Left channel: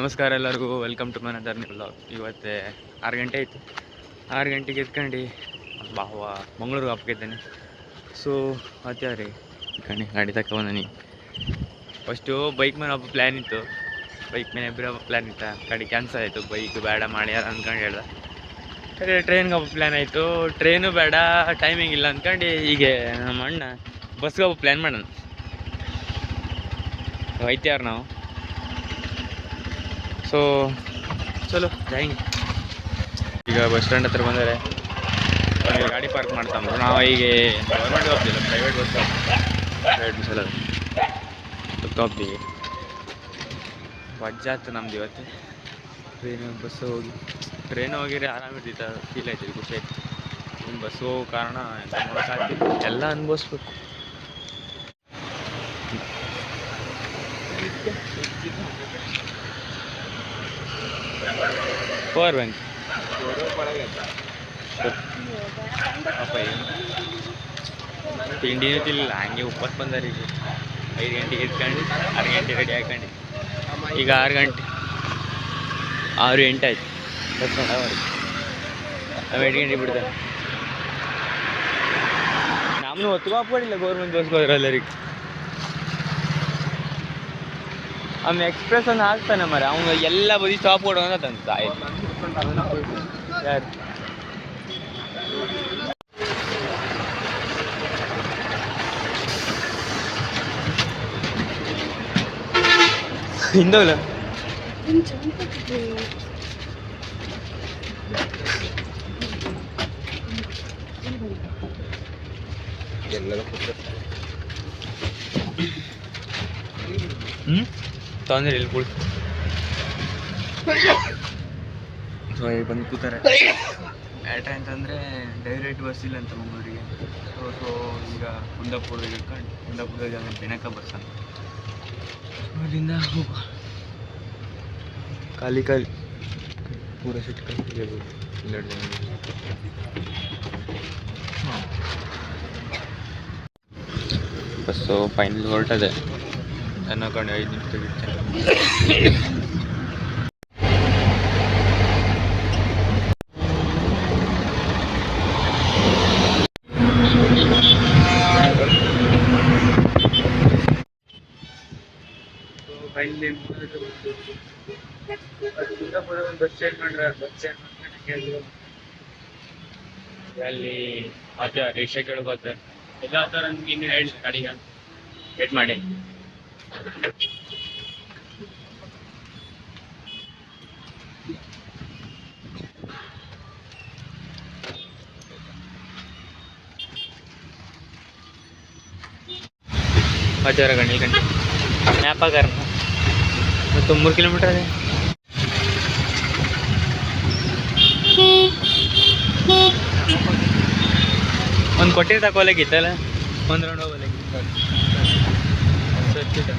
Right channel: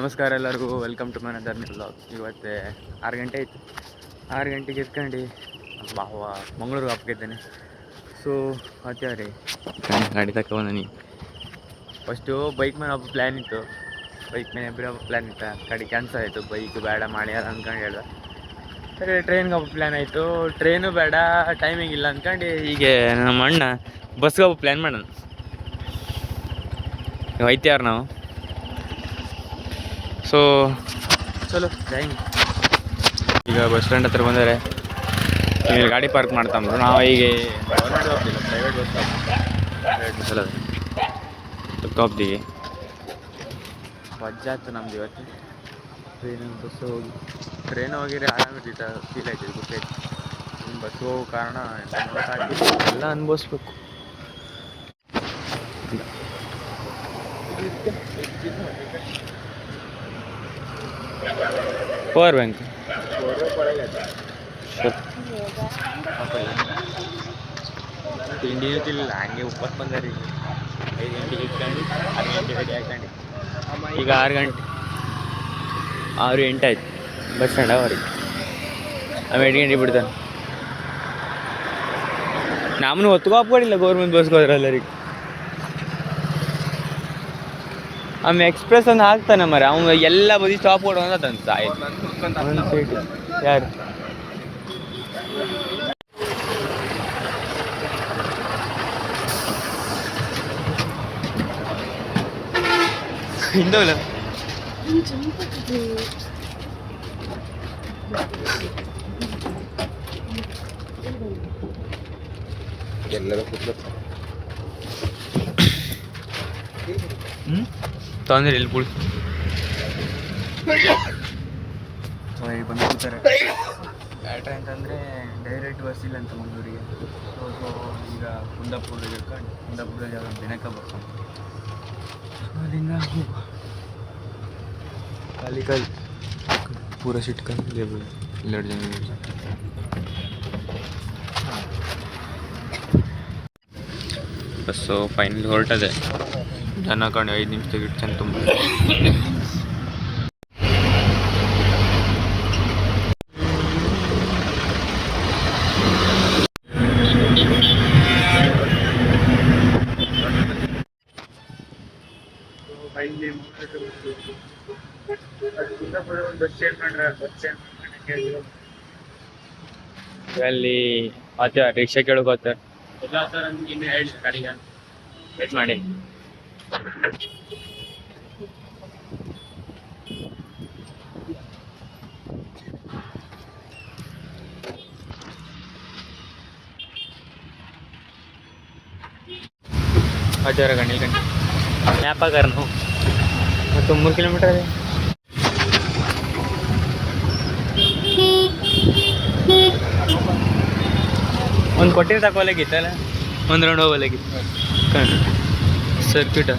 ನಮಸ್ಕಾರ ಎಲ್ಲರಿಗೂ, welcome to my other new vlog. ಇವತ್ತೇ 6 ಗಂಟೆ ಆಯಿತು. 6 ಗಂಟೆಗೆ ಎತ್ಕೊಂಡು ಮಂಗಳೂರು ಹಬ್ಬಕ್ಕಿದ್ದೇನೆ. ಸೊ ಅದೇ ರೀ ಗಾಡಿ ತಗೊಂಡು ಫಸ್ಟು ಬೈಕ್ ಮೇಲೆ ಹಬ್ಬ ಪ್ಲ್ಯಾನ್ ಇತ್ತು. ಬೈಕ್ ಮೇಲೆ ಇಬ್ಬರು ಹಬ್ಬ ಪ್ಲ್ಯಾನ್ ಇತ್ತು, ಗಾಡಿ ಕ್ಯಾನ್ಸಲ್ ಆಯಿತು. ಬೈಕ್ ಬೇಡ ಮಾಡಿ ಯಾರು ಅಂದ್ಕೊಂಡು ಹೇಳ್ದೆ. ಟ್ರೈನ್ಗೆ ಹಬ್ಬ ಪ್ಲ್ಯಾನ್ ಆಯಿತು. ಟ್ರೈನು ಬೇಡ, ಟೈಮಿಂಗ್ ಇಲ್ಲ ಅಂದ್ಕೊಂಡು ಹೀಗೆ ನಮ್ಮ ಅಣ್ಣ ಬಸ್ಗೆ ಹಬ್ಬ ಪ್ಲ್ಯಾನ್ ಮಾಡೋಣ. ಹೋಯ್ತ್ಯಾರು ನಾವು. ಸೊ ಚಲೋ ಜಾಯಿಂಗ್. ಈಗ ಬಸ್ ಸ್ಟ್ಯಾಂಡ್ ಹತ್ರ ಬಂದರೆ ಇಲ್ಲಿ ಗಾಡಿ ಪಾರ್ಕ್ ಮಾಡ್ತಾಂದ್ರು. ನಾವು ಈಗ ಗೌರ್ಮೆಂಟ್ ಹೋಗ್ತಿಲ್ಲ, ಪ್ರೈವೇಟ್ ಬಸ್ ಪ್ರೈವೇಟ್ ಬಸ್ ಹೋಗ್ತೀವಿ. ವಜ್ಜಾತು ನಮ್ದು ಇವತ್ತು. ಬಸ್ಸು ಹೋಗಿದ್ರೆ ಆರಾಮಿರ್ತಿತ್ತು, ಫೀಲ್ ಆಯ್ತಿದ್ದು, ಖುಷಿ ಆಯ್ತು. ಇನ್ನು ಬಸ್ಸು ಹೋಗೋ ಕಾರಣ ಎಂತ ನೋಡೋಕ್ಕಾಗ್ತಿತ್ತು, ಎಲ್ಲ ಅನುಭವಿಸ್ಬೇಕು. ಪವರ್ ಬ್ಯಾಂಕ್ ತಿಂಡಿನೂ ತಿನ್ನಲಿಲ್ಲ, ಹಂಗೆ ಉಪವಾಸ ಬಂದಾರ. 5 ಗಂಟೆಗೆ ಇಟ್ಕೊಂಡು 6 ಗಂಟೆ ರೆಡಿ ಹಾಕೊಂಡು ಈಗ 6 ಗಂಟೆ 6-8 ಆಯ್ತು ಬಸ್ ಸ್ಟ್ಯಾಂಡ್ ಅವ್ರಿಗೆ. ನಾವು 8 ಗಂಟೆಗೆ ಬಿಡ್ತಾನೆ. ನಮ್ಮನ್ನು ಹೊತ್ಕೊಡಿಲ್ಲ ಗೌರ್ಮೆಂಟ್ ಬಸ್ಗೆ ಹೋದ್ರೆ ಎಲ್ಲರಿಗೆ. ಆಮೇಲೆ ಎಕ್ಸ್ಪ್ರೆಸ್ ಅನ್ನು ಹಾಕ್ತಾನೆ ಮರ, ಅವ್ನು ಎಲ್ಲ ಬದಿ ಸ್ಟಾಪ್ ಕೊಡೋಣ ತಂತ ಆಯ್ತು. ಯಾರು ಹಿಂದವಲ್ಲ ತೊಂದರೆ ಇಲ್ಲಿ ಕುಳಿತು ಬಂದು ಕೂತಾರೆ. ಯಾಟ್ರೆ ಅಂತಂದರೆ ಡೈರೆಕ್ಟ್ ಬಸ್ ಇಲ್ಲ ಅಂತ ಮಂಗಳೂರಿಗೆ. ಸೊ ಈಗ ಕುಂದಾಪುರದಾಗ ಇಟ್ಕೊಂಡು ಕುಂದಾಪುರದಾಗ ಯಾವ್ದು ಬೆನಕ ಬಸ್ ಅಂತ, ಅಲ್ಲಿಂದ ಹೋಗುವ. ಖಾಲಿ ಪೂರ ಸಿಟ್ಟು ಖಾಲಿ 2 ಜನ. ಬಸ್ಸು ಫೈನಲಿ ಹೊರಟದೆ. ಜನ ಕಣೆ 5 ನಿಮಿಷದಾಗ ಇಟ್ಟು ತುಂಬ. ಫೈನಲಿ ಕುಂದಾಪುರ ಒಂದು ಬಸ್ ಚೇಂಜ್ ಮಾಡ್ರೆ, ಬಸ್ ಚೇಂಜ್ ಮಾಡ್ಕೊಂಡು ಅಲ್ಲಿ ಆತ ರಿಕ್ಷಾ ಕೇಳೋಕೆ ಹೋಗ್ತಾರೆ. ಎಲ್ಲ ಥರ ನಮ್ಗೆ ಇನ್ನೂ ಹೇಳಿ ಗಾಡಿಗೆ ಅಂತ ವೇಟ್ ಮಾಡಿ. हजार का नीलकंठ मैप करना तो 3 किलोमीटर है. ಒಂದು ಕೊಟ್ಟಿರ್ ತಗೊಳ್ಳೋಗಿತ್ತಲ್ಲ, ಒಂದು ರೌಂಡ್ ಹೋಗಲಾಗಿತ್ತು ಸರ್ಕ್ಯೂಟ.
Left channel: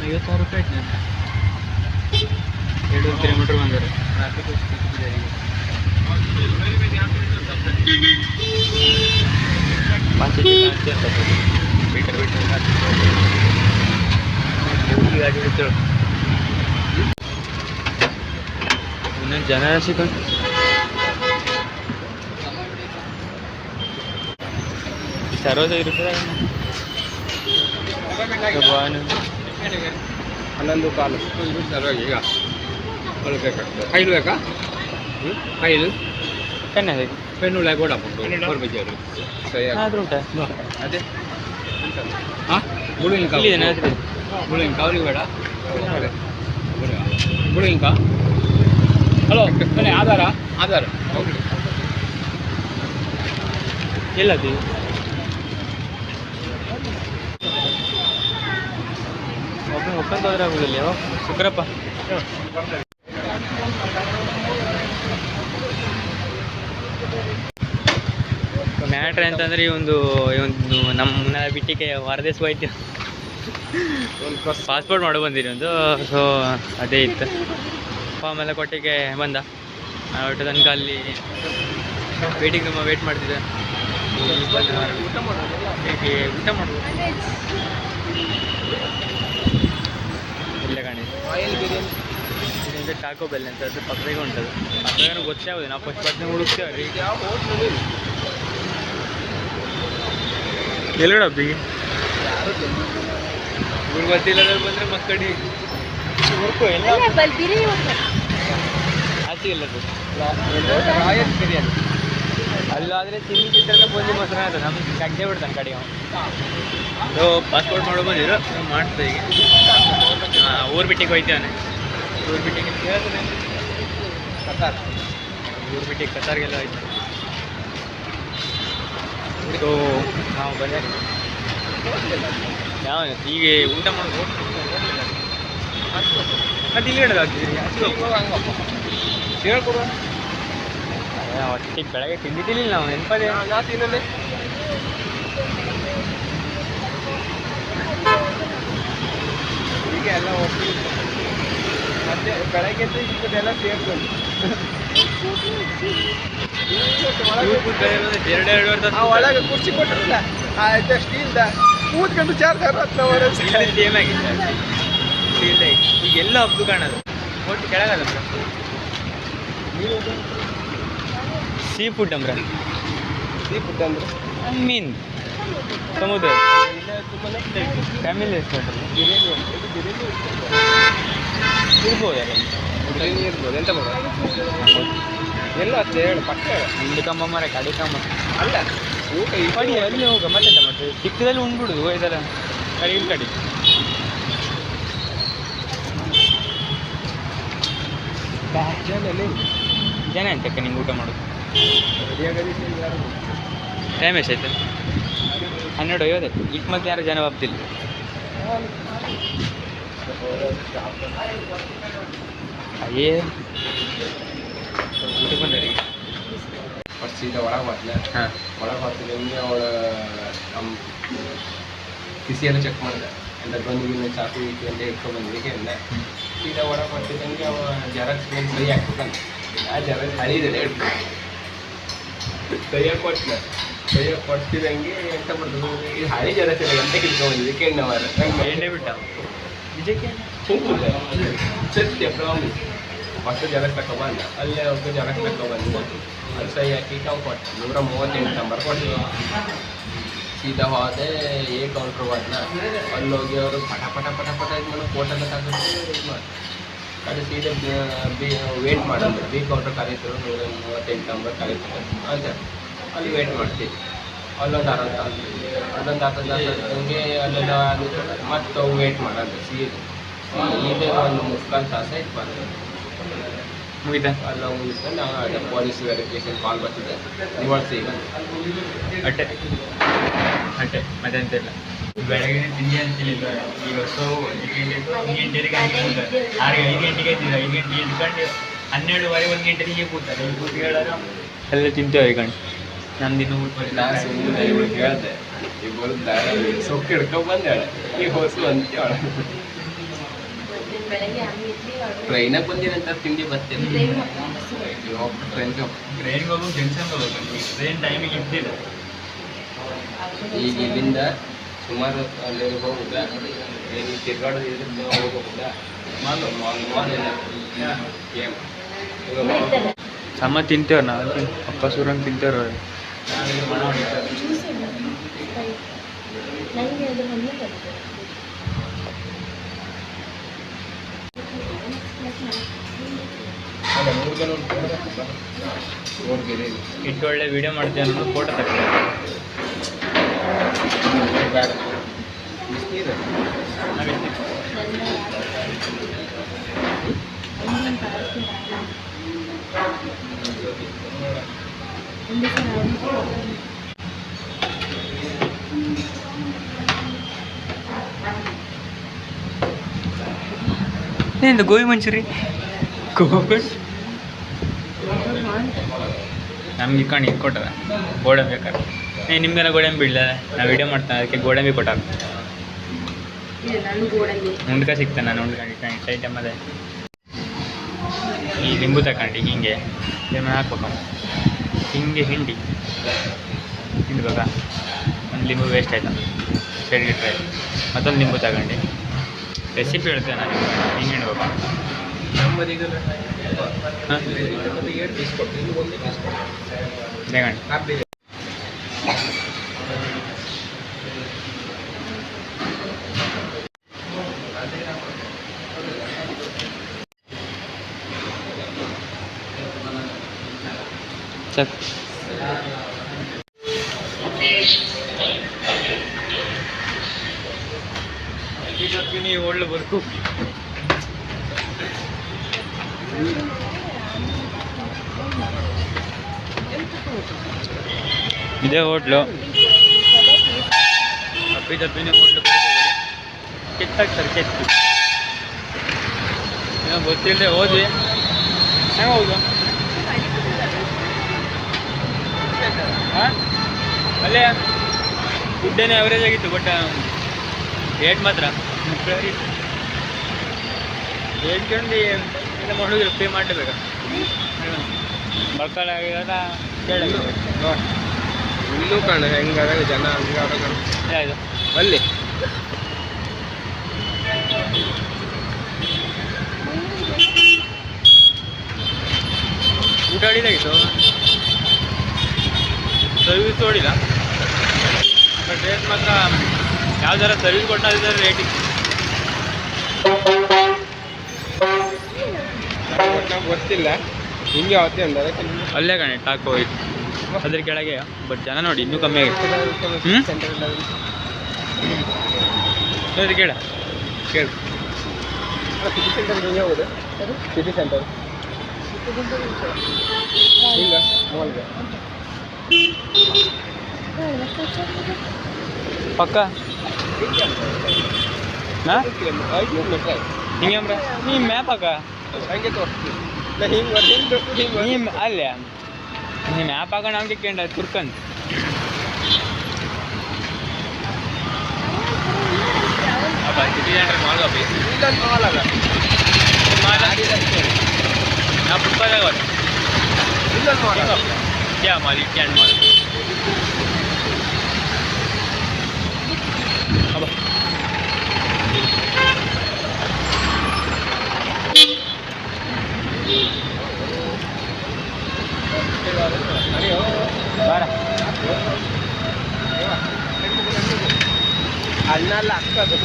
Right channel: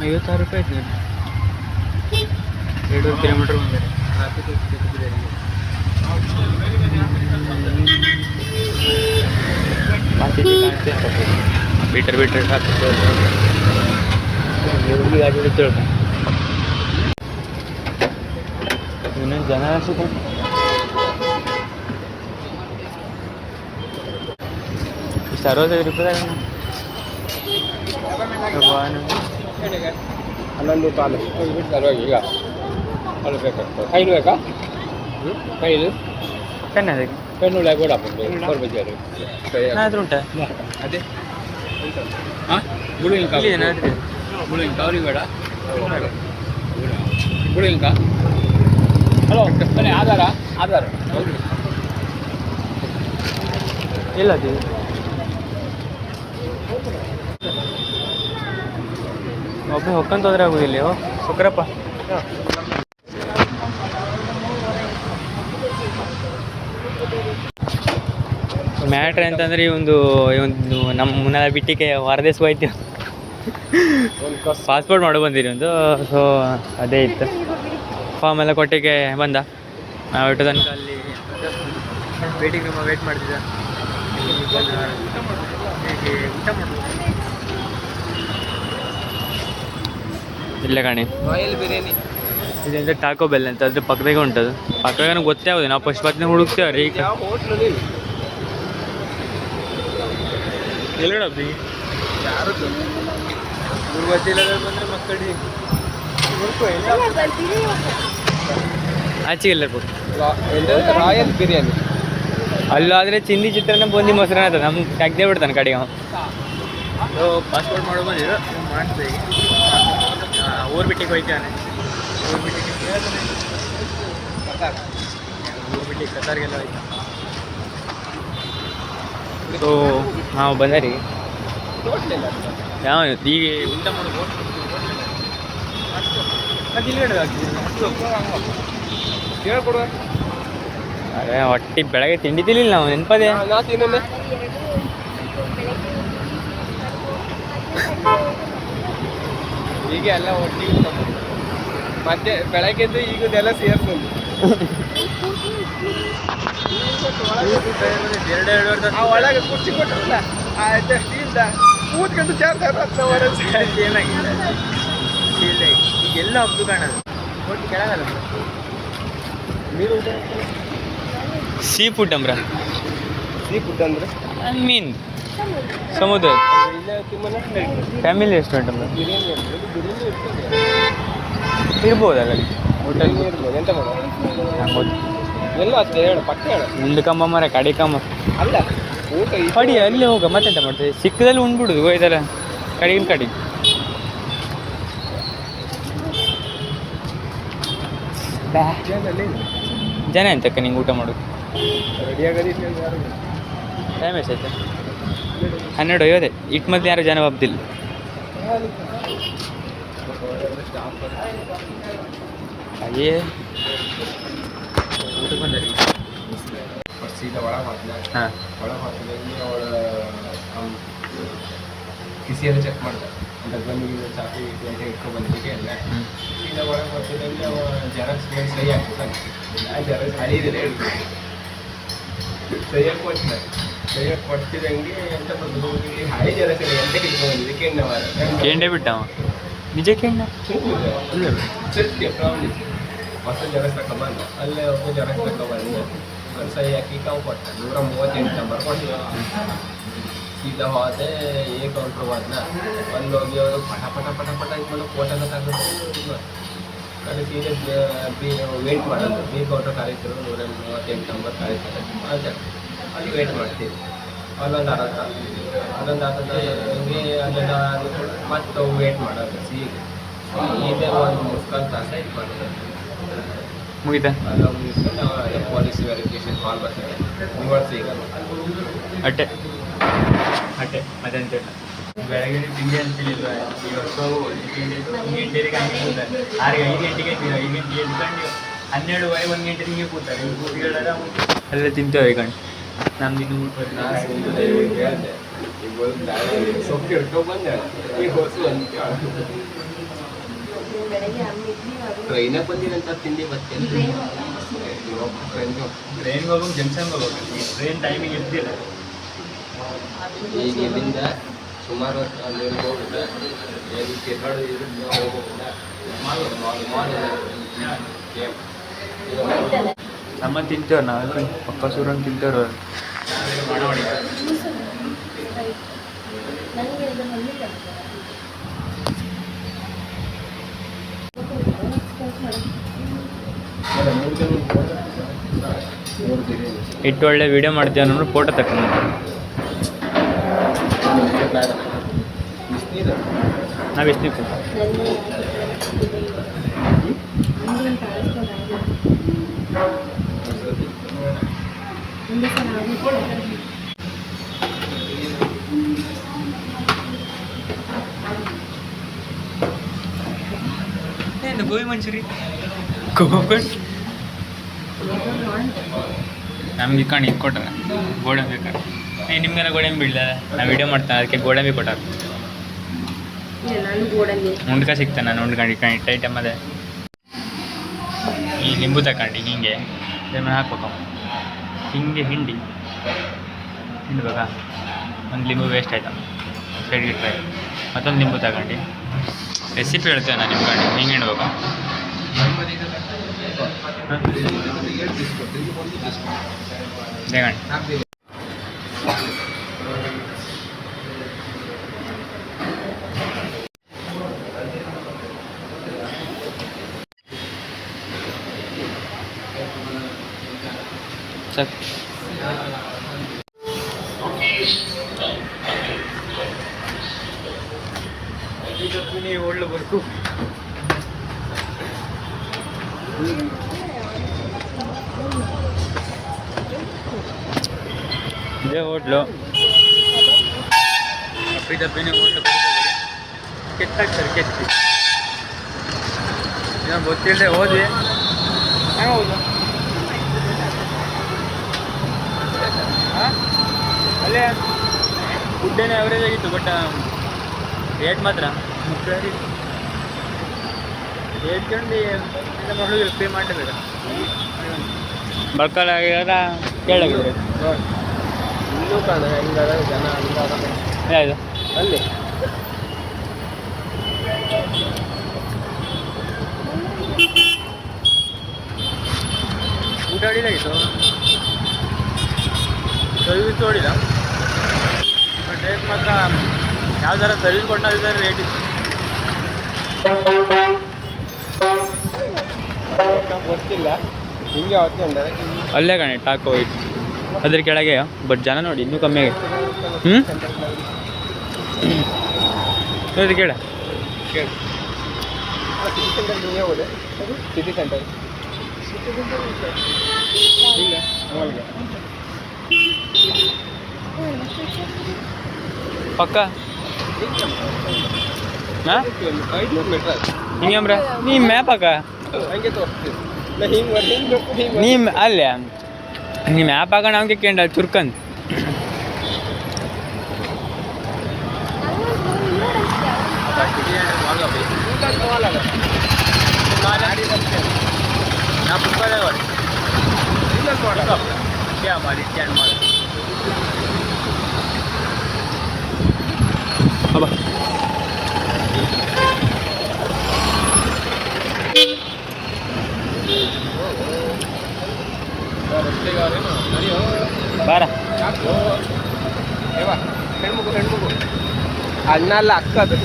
56 ರೂಪಾಯಿ ಆಯ್ತು. ನಾನು 2 ಕಿಲೋಮೀಟರ್ ಬಂದರೆ ಟ್ರಾಫಿಕ್ ಬಿಟ್ಟರ್ ಗಾಡಿ ಹಿಡಿತೇಳ. ಇನ್ನೊಂದು ಜನ ಸಿಕ್ಕೊಂಡು ಇಷ್ಟು 65 ರೂಪಾಯಿ. 11 ಕಾಲು ಈಗ ಬೇಕಾಗ್ತದೆ. 5 ಬೇಕಾ? 5 ಕಣ್ಣೆ ಅದಕ್ಕೆ ಪೆನ್ನುಳ್ಳ ಕೂಡ ಬಜ್ಜಿಯಾರು ಏನಾದರೂ ಉಂಟಾ? ಅದೇ ಹಾಂ ಗುಳಿಂಕ ಗುಳಿಂಕ ಅವ್ರಿಗೆ ಬೇಡ. ಗುಳಿಂಕ ಹಲೋ ಬನ್ನಿ. ಆಧಾರ ಹೌದು ಎಲ್ಲದು ಒಬ್ಬ ಹೊಕ್ಕಂತ ಹೋದ್ರೆ ಆಗೋದಿಲ್ಲ. ಹೊಕ್ಕರಪ್ಪ ಮ್ಯಾಟ್ರ್ ಅಂತಂದರೆ ಒಂದು ನಮ್ಮ ಮುನ್ನ ಬಿಟ್ಟಿಗೆ ಹೊರದೇಶ ಹೋಯ್ತು. ಪಾಸ್ಪೋರ್ಟ್ ಮಾಡೋ ಬಂದಿರಿ ಒಂದು. ಸೊ ಅದೇ ಇತ್ತು. ಫಾರ್ಮ್ ಎಲ್ಲ ಕೊಟ್ಟಿಗೆ ಬಂದ. ಒಟ್ಟು ತನಕ ಅಲ್ಲಿ ವೇಟಿಂಗ್ ರೂಮ ವೇಟ್ ಮಾಡ್ತಿದ್ದೆ. ಊಟ ಮಾಡ್ಬೋದು. ಇಲ್ಲ ಕಣೆ, ರಾಯಲ್ ಬಿರಿಯಾನಿ. ಇದೆಂತ ಟಾಕೋ ಬೆಲ್ ಅಂತ, ಅದ್ರ ಪಕ್ಕದಾಗೆ ಉಂಟದು. ಪಕ್ಕದಾಗ ಗೊತ್ತೇ ಆಗೋದು, ನಾವು ಫಸ್ಟ್ ಪಕ್ಕನೆ ಹುಡುಕ್ತೇವ್ರಿ. ಈಗ ಯಾವ ಹೋಟ್ಲು ನೀವು? ಎಲ್ಲೋಡ ಹಬ್ಬಿಗೆ ಯಾರದ್ದು? ಇವ್ರು ಗೊತ್ತಿಲ್ಲದ್ರೆ ಬಂದರೆ ಮಕ್ಕಳಿ ಹುಡುಕು ಎಲ್ಲ ಆಚೆ ಇಲ್ಲ ರಾಯಲ್ ಬಿರಿಯಾನಿ. ಅಲ್ಲಾದರೆ ಚಿಂದಿ ಚಿತ್ರಾನ್ನ ಬೂಂದಿ ಮೊಸರನ್ನ ಅದ, ನಮ್ಗೆ ತೆಗ್ದೇ ಬಿಡ್ತಾನೆ ಕಡೆಗೆ ಅವನು. ಸೊ ಪಾಸ್ಪೋರ್ಟ್ ಮಾಡೋ ಬಂದಿದ್ರು, ಮಾಡ್ತೇವೆ ಈಗ. ಊರು ಬಿಟ್ಟಿಗೆ ಹೋಯ್ತಾನೆ, ಊರು ಬಿಟ್ಟಿಗೆ ಊರು ಬಿಟ್ಟಿಗೆ ಕತಾರ್ಗೆಲ್ಲ ಹೋಯ್ತಾ. ಸೊ ನಾವು ಬಂದರಿ ಯಾವ ಈಗ ಊಟ ಮಾಡೋದು ಮತ್ತೆ ಇಲ್ಲಿ ಹೇಳೋದು ಆಗ್ತಿದ್ರಿ ಹೇಳ್ಕೊಡುವ. ಅದೇ ಹೊಟ್ಟೆ ಬೆಳಗ್ಗೆ ತಿಂಡಿ ತಿನ್ನಿಲ್ಲ ನಾವು, ನೆನಪದೆ. ನಾ ತಿನ್ನಲೆ ಈಗ ಎಲ್ಲ ಒಟ್ಟಿಗೆ ಮತ್ತೆ ಬೆಳಗ್ಗೆದ್ದು ಈಗದೆಲ್ಲ ಸೇರ್ಕೊಂಡು ಎರಡೆರಡು ವರ್ಷ ಒಳಗೆ ಕುರ್ಚಿ ಕೊಟ್ಟರಲ್ಲ ಸ್ಟೀಲ್ದ ಕೂತ್ಕೊಂಡು ಚಾರ್ಜರ್ ಏನಾಗಿದೆ ಈಗ ಎಲ್ಲ ಹಬ್ದು ಕಾಣೋದು ಒಟ್ಟು ಕೆಳಗಲ್ಲ ಬ್ರ. ಸೀ ಫುಡ್ ಅಂಬ್ರ, ಸೀ ಫುಡ್ ಅಂದ್ರೆ ಮೀನ್ ಸಮುದ್ರ ಇಲ್ಲ ತುಂಬಾ ಫ್ಯಾಮಿಲಿ ರೆಸ್ಟೋರೆಂಟ್ ಅಲ್ಲ ಬಿರಿಯಾನಿ ಇರ್ಬೋದಲ್ಲ ಅಲ್ಲಿ. ಬಿರಿಯಾನಿ ಇರ್ಬೋದು. ಎಂತ ಮಾಡೋ ಎಲ್ಲ ಹತ್ತಿರ ಹೇಳು, ಪಕ್ಕ ಹೇಳು. ಮುಂದೆ ಕಮ್ಮ ಮರ ಕಡೆ ಕಮ್ಮ ಅಲ್ಲ ಊಟ ಕಡಿ ಅಲ್ಲಿ ಹೋಗ ಮತ್ತೆಂತ ಮಾಡ್ತೇವೆ, ಸಿಕ್ಕದಲ್ಲಿ ಉಂಡ್ಬಿಡುದು ಇದರ ಕಡೆಗಿನ ಕಡಿ. ಜನ ಎಂತಕ್ಕ ನಿಂಗೆ ಊಟ ಮಾಡೋದು? ಟೈಮ್ ಎಷ್ಟೈತೆ? 12:50. ಇಟ್ಟು ಮತ್ತೆ ಯಾರು ಜನ ಒಪ್ತಿಲ್ಲ. ಅಯ್ಯೇ ಊಟಕ್ಕೆ ಬಂದರಿ ಸೀದಾ ಒಳಗೆ ಹೋಗ್ತಿಲ್ಲ. ಹಾಂ ಒಳಗೆ ಹೋಗ್ತಿಲ್ಲ ಹಿಂಗೆ ಅವಳ ಕಿಸಿಯೆಲ್ಲ ಚೆಕ್ ಮಾಡಿದೆ, ಅಂದರೆ ಬಂದಿಗೆ ಚಾಕಿ ಇಟ್ಟು ಅಂತ ಇಟ್ಕೊಂಡು ಬಂದಿದ್ದಕ್ಕೆ ಎಲ್ಲ ಸೀದಾ ಒಳಗೆ ಹೋಗ್ತಿದ್ದಂಗೆ ಅವ ಜೆರಾಕ್ಸ್ ಏನು ಸಹಿ ಹಾಕ್ಬೇಕಂತ. ಆ ಜೆರಾಕ್ಸ್ ಹಳಿದಲ್ಲೇ ಹೇಳ್ತೀನಿ ಸಹಿಯಾಗಿ ಕೊಟ್ಟಿಲ್ಲ. ಸಹಿಯಾಗಿ ಕೊಡ್ತಿದ್ದಂಗೆ ಎಂತ ಮಾಡೋದು, ಈ ಹಳಿ ಜೆರಾಕ್ಸ್ ಎಲ್ಲ ಎಂತ ಕಿತ್ಕೊಂಡ್ಬಂದಿದ್ದೆ ಕೆಣ್ಣವಾರ ಕೆಂಡೆ ಬಿಟ್ಟವ ನಿಜಕ್ಕೆ ಕೆಂಡ ಸತ್ಯ ಪ್ರಾಮಿಸ್. ಹೊಸ ಜೆರಾಕ್ಸ್ ತಗೊಬಂದ, ಅಲ್ಲೇ ಹೊಸ ಜೆರಾಕ್ಸ್ ತಗೊಬಂದ, ಅಲ್ಲಿ ಸಹಿ ಹಾಕಿ ಅವು ಕೊಟ್ಟ 138 ನಂಬರ್ ಕೊಟ್ಟಿದ್ದೆ. ಸೀದಾ ಹೋದೆ ಏ ಕೌಂಟ್ರ್ ಹೋದ್ನ, ಅಲ್ಲಿ ಹೋಗಿ ಅವರು ಪಟ ಪಟ ಪಟ ಪಟ ಇದು ಮಾಡೋ ಫೋಟೋನ ತೆಗೆದು ಅದು ಸೀದಾ ವೇಟ್ ಮಾಡಿದ್ರು. ಬಿ ಕೌಂಟ್ರ್ ಕರೀತರು 138 ನಂಬರ್ ಕರೀತಾರೆ ಅಂತ ಅಲ್ಲಿ ವೇಟ್ ಮಾಡ್ತೀವಿ. ಅಲ್ಲೊಂದು ಅರ್ಧ ಹಂಗೆ ಅಲ್ಲೆಲ್ಲ ಮತ್ತೆ ವೇಟ್ ಮಾಡೋದು ಸೀದೆ ಒಂದು 3/4 ತಾಸು ಆಯ್ತು ಬಂದರೆ ಮುಗಿತಾ ಅಲ್ಲ ಮುಗಿಸ್ಕೊಂಡು ನಾವು ಪೊಲೀಸ್ ವೆರಿಫಿಕೇಶನ್ ಕಾಲ್ ಬರ್ತಿದೆ ನಿವಾಳಿಸಿ ಈಗ ಅಟ್ಟೆ ಅಟ್ಟೆ ಮತ್ತೆಂತ ಇಲ್ಲ. ಬೆಳಗ್ಗೆ ತಿಂಡಿ ಅಂತಿಲ್ಲ, ಈಗ ಸೊ ತಿಂಡಿದ್ದು 1 ಗಂಟೆಗೆ ಹಂಗೆ ಕೂತಾರೆ. 5 ಗಂಟೆಗೆ ಎದ್ದಿಲ್ಲ, 5 ಗಂಟೆಗೆ ಎದ್ಕೊಂಡು 12:30 1 ಗಂಟೆಗೆ ಹೀಗೆ ಕೂತಾರೆ. ಈಗ ಕೂತು ಹೇಳಾರ ಅಲ್ಲೇ ತಿಂತೇವೆ ಈಗ ನಮ್ದು ಇನ್ನೂ ಊಟ ಬರೀ ನಾನು ಇವಳು ಹೇಳಿದೆ, ಈಗ ಬಂದು ಸೊಪ್ಪು ಹಿಡ್ಕೊಂಡು ಬಂದೆ ಈಗ ಹೊಸು ಅಂತ ಟ್ರೈನಾಗ ಬಂದಿರಂತ ತಿಂಡಿ ಬರ್ತೇನೆ. ಟ್ರೈನ್ಗೆ ಹೋಗೋದು ಜಂಕ್ಷನ್ಗೆ ಹೋಗ್ಬೇಕು. ಈ ಟ್ರೈನ್ ಟೈಮಿಗೆ ಇರ್ತಿಲ್ಲ. ಈಗ ಇಲ್ಲಿಂದ ಸುಮಾರು ಅಲ್ಲಿವರೆಗೆ ಹೋಗುದ ಏನು ತಿರ್ಗಾಡೋದು ಹೋಗುದ ಸಮ ತಿಂತೇವೆ ನಾವು, ಪಕ್ಕ ಸೂರಂಗೆ ತಿಂತೇವ್ರ. ನಾವೇನು ಮಣ ಹೊಡಿತಾರೆ ಇಟ್ಟು ಒಳ್ಳೆ ವೀಡಿಯೋ ಮಾಡ್ತೀವಿ ಅನ್ನೋ ಫೋಟೋ ತಗೊಂಡು ನಾವು ಎಷ್ಟು ಏನು ಗೋಬಿ ಮಂಚೂರಿ ಗೋಬಿ ನಮ್ಗೆ ಕಣಿ ಇದು ಕೊಟ್ಟಾರ ಗೋಡಂಬಿ ಬೇಕಾರೆ. ನಿಮ್ಗೆಲ್ಲ ಗೋಡಂಬಿ ಇಲ್ಲ, ನಾವು ವಿಡಿಯೋ ಮಾಡ್ತಾನೆ ಅದಕ್ಕೆ ಗೋಡಂಬಿ ಕೊಟ್ಟಾರ. ಉಂಡ್ಕ ಸಿಗ್ತಾನೆ, ನಾನು ಉಂಡ್ಕೊಂಡು ಇಟ್ಕೊಂಡು ಐಟಮ್ ಅದೇ. ಈ ಲಿಂಬು ತಗೊಂಡು ಹಿಂಗೆ ಲೆಮನ್ ಹಾಕ್ಬೇಕು, ಹಿಂಗೆ ಹಿಂಡ್ಬೇಕಾ. ಒಂದು ಲಿಂಬು ವೇಸ್ಟ್ ಆಯ್ತು, ಸರಿ ಇಟ್ಟರೆ ಮತ್ತೊಂದು ಲಿಂಬು ತಗೊಂಡು ರೆಸಿಪಿ ಹೇಳ್ತೇನೆ ನಾನು ನಿಮ್ಮ ಕಡೆ ಹಿಂಗೆ ಹೇಳ್ಬೇಕು. ನಮ್ಮದು ಈಗ ಒಂದು 7 ಪೀಸ್ ಕೊಟ್ಟು ಇದು ಒಂದು ಪೀಸ್ ಕೊಟ್ಟು ಬೇಗಣ ಹಾಕ್ಬೇಕು. ಸರ್ ನೀವು ಒಳ್ಳೆ ಬರ್ಕು ಇದೇ ಹೋಟ್ಲು. ಅಪ್ಪಿ ತಪ್ಪಿನೇ ಹೋಟ್ಲು ಬರ್ಕೋಬೇಡಿ, ಕೆತ್ತಾಗ್ತಾರೆ ಕೆತ್ತಿ. ಏನೋ ಗೊತ್ತಿಲ್ಲದೆ ಹೋದ್ವಿ, ಹೆಂಗೆ ಹೌದು ಹಾಂ ಅಲ್ಲೇ ಫುಡ್ಡೇನೇ ಅವರೇಜ್ ಆಗಿತ್ತು, ಬಟ್ ರೇಟ್ ಮಾತ್ರ ಮುಕ್ಕಳಿ ಹೇಳ್ಕೊಂಡು ಎಲ್ಲ ಮಾಡೋದಿಲ್ಲ, ಪೇ ಮಾಡಲೇಬೇಕಾ ಬಳ್ಕಲ್ ಆಗ್ಯಾರ ಕೇಳಾಗಿದೆ ನೋಡಿ ಇಲ್ಲೂ ಕಾಣ ಹೆಂಗಾರ ಜನ ಹಂಗಾರ ಯಾವುದು ಅಲ್ಲಿ ಊಟ ಹೊಡಿದಾಗಿತ್ತು, ಸರ್ವಿಸ್ ಹೊಡಿಲ್ಲ, ಬಟ್ ರೇಟ್ ಮಾತ್ರ ಯಾವ್ದಾರ ಸರ್ವಿಸ್ ಕೊಟ್ಟು ಅದ್ರ ರೇಟ್ ಇತ್ತು. ಗೊತ್ತಿಲ್ಲ ಹಿಂಗೆ ಅವತ್ತೇ ಅಂದಾರೆ ಅಲ್ಲೇ ಕಾಣೆ ಟಾಕೋ ಇಟ್ಟು ಅದ್ರ ಕೆಳಗೆ, ಬಟ್ ಜನ ನೋಡಿ ಇನ್ನೂ ಕಮ್ಮಿ ಆಗಿದೆ. ಹೌದು ಕೇಳ ಕೇಳಿ ಸಿಟಿ ಸೆಂಟರ್ ಹಿಂಗೆ ಹೋದೆ ಸಿಟಿ ಸೆಂಟರ್ ಇಲ್ಲ ಮಾಲ್ಗೆ ಪಕ್ಕ ಹಾಂ 500 ಮೀಟರ್ ಹಿಂಗಂಬ್ರೆ ನೀ ಮ್ಯಾಪ್ ಹಾಕ, ಹಂಗೆ ತೋರಿಸ್ತೀವಿ ಹಿಂಗೆ ನೀ ಅಲ್ಲೇ ನೀ ಮ್ಯಾಪ್ ಹಾಕೋಣ ಹಂಗೆ ಕೇಂದ್ರ ತುರ್ಕಂತ ಸಿಟಿ ಸೆಂಟರ್ ಮಾಲ್ ಅಪ್ಪಿ ನಾ ಫುಟ್ಬಾಲ್ क्या माल कैंड माल अब बारा ಅಣ್ಣಲ್ಲ ಅಕ್ಕದು